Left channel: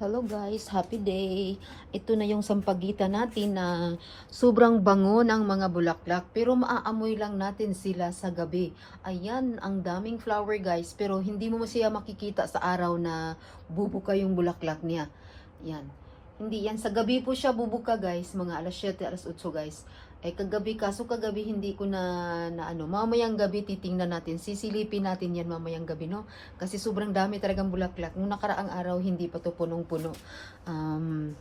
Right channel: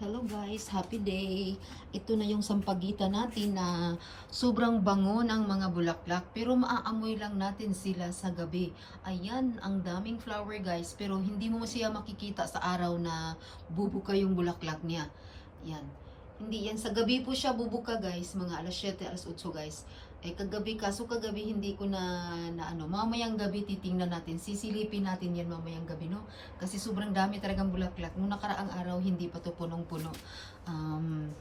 Hello guys, happy day. Ito na yung sampagita natin na sobrang bango ng mga bulaklak pero maaamoy lang natin sila sa gabi. Ayan, ang daming flower guys pero hindi mo siya makikita sa araw na bubuka yung bulaklak niya. Yan. Hindi yan. Sa gabi po siya bubuka guys, mga alas 7, alas 8 guys. Eh kagabi, kaso kagabi hindi ko na, na ano, mamayang gabi titingnan natin, sisilipin natin yan mamayang gabi, no? Kasi sobrang dami talagang bulaklak. Nung nakaraang araw, hindi pa to punong-puno. Um,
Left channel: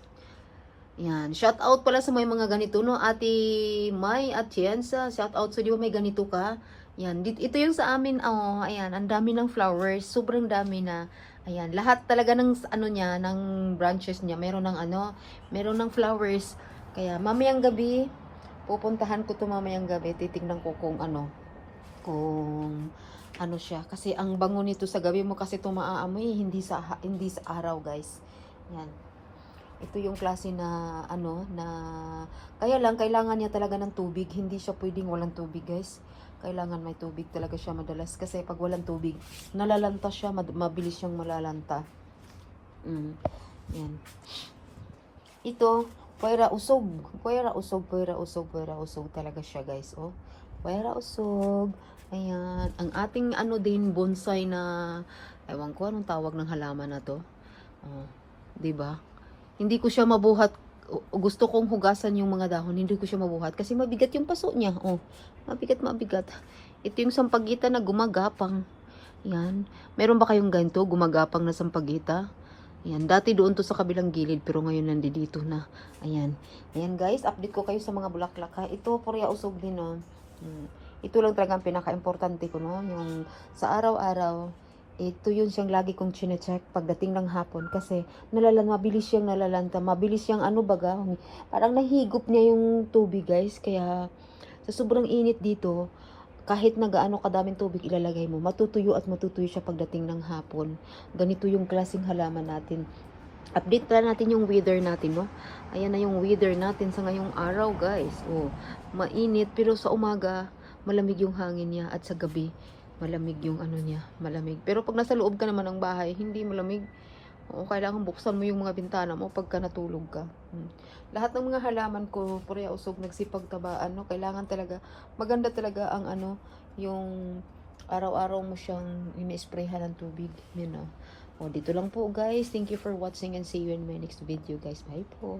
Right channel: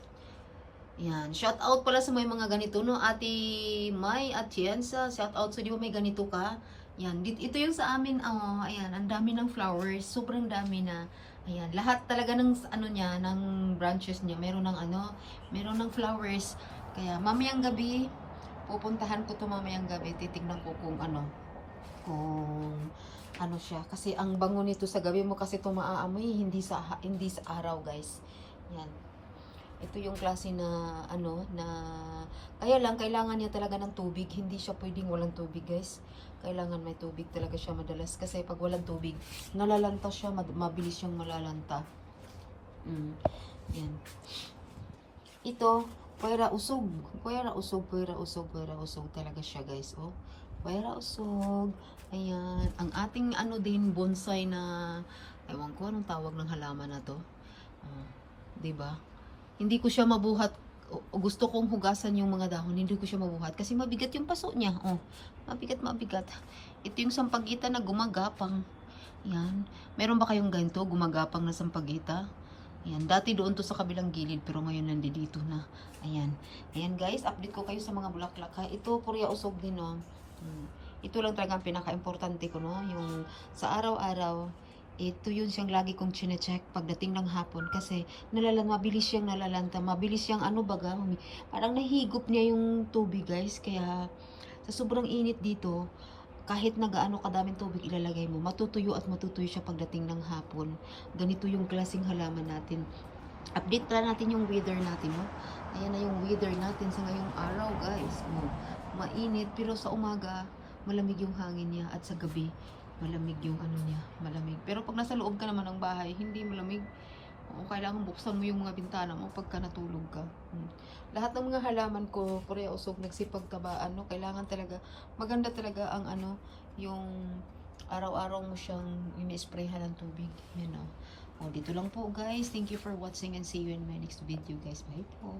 yan. Shout out pala sa may mga ganito, no? Ate May at Tienza, shout out sa di ba may ganito ka? Yan. Ito yung sa amin, oh, ayan, ang dami ng flowers. Sobrang dami na. Ayan, lahat talaga ng ano niya, ng branches niya, meron ng ano, meron ng flowers. Kaya mamayang gabi, pupuntahan ko to mamayang gabi, titignan ko kung ano, kung ano siya. Kasi ang bango nito sa gabi mo kasi ito maaamoy, hindi sa, hindi sa araw guys. Yan. Ito yung klase na ano na kaya lang kailangan niya talaga ng tubig. Hindi siya pwedeng walang tubig, guys. Kailangan may tubig talaga siya madalas kasi pag walang tubig, nalalanta siya, mabilis siyang malalanta. Mm. Yan. Ito, puwera usog. Puwera usog, puwera usog, puwera usog talaga siya, guys. Oh. Puwera usog. Ayan. Ang ating ano din bonsai na ewan ko anong tawag ng halaman na to. Oh, 'di ba? Hindi ko siya mabuhat. Gusto kong hugasan yung mga dahon, hindi ko siya mabuhat kasi mabigat yung paso niya. Oh, mabigat, mabigat. Ito yung sampagita na gumagapang. Yan. Meron ba kayong ganito, gumagapang na sampagita? Yan. Dati doon to sa kabilang gilid, pero ngayon nandito na. Ayan. Ayan guys, update ko kayo sa mga bulaklak ha. Ito, Korea usog din oh. Ito lang talaga ang pinaka-importante ko no. Yung sa araw-araw, ito yun siyang lagi kong chinecheck pagdating ng hapon kasi nalalan, mabilis siyang nalalanta, mabilis siyang ano baga, parang nahigop niya yung tubig guys, kaya sa sobrang init dito, kahit nagaano kadaming tubig ilalagay mo, matutuyo at matutuyo siya pagdating ng hapon. Ganito yung klaseng halaman natin. Update pala natin yung weather natin, no? Ayan na yung weather natin sa ngayong araw, guys. Oh, mainit, pero sa umaga, malamig yung hangin niya at sa gabi, malamig yung ano niya, malamig. Pero pag nasa loob ka naman ng bahay, hindi malamig. O, kailangan buksan mo yung mga bintana mo pagka natulog ka. Hmm. Lahat ng mga halaman ko, pure usog, nagsipagtabaan, no? Kailangan talaga, maganda talaga ang ano, yung araw-araw mo siyang ini-sprayhan ng tubig. Yun, know. O, dito lang po, guys. Thank you for watching and see you in my next video, guys. Bye po.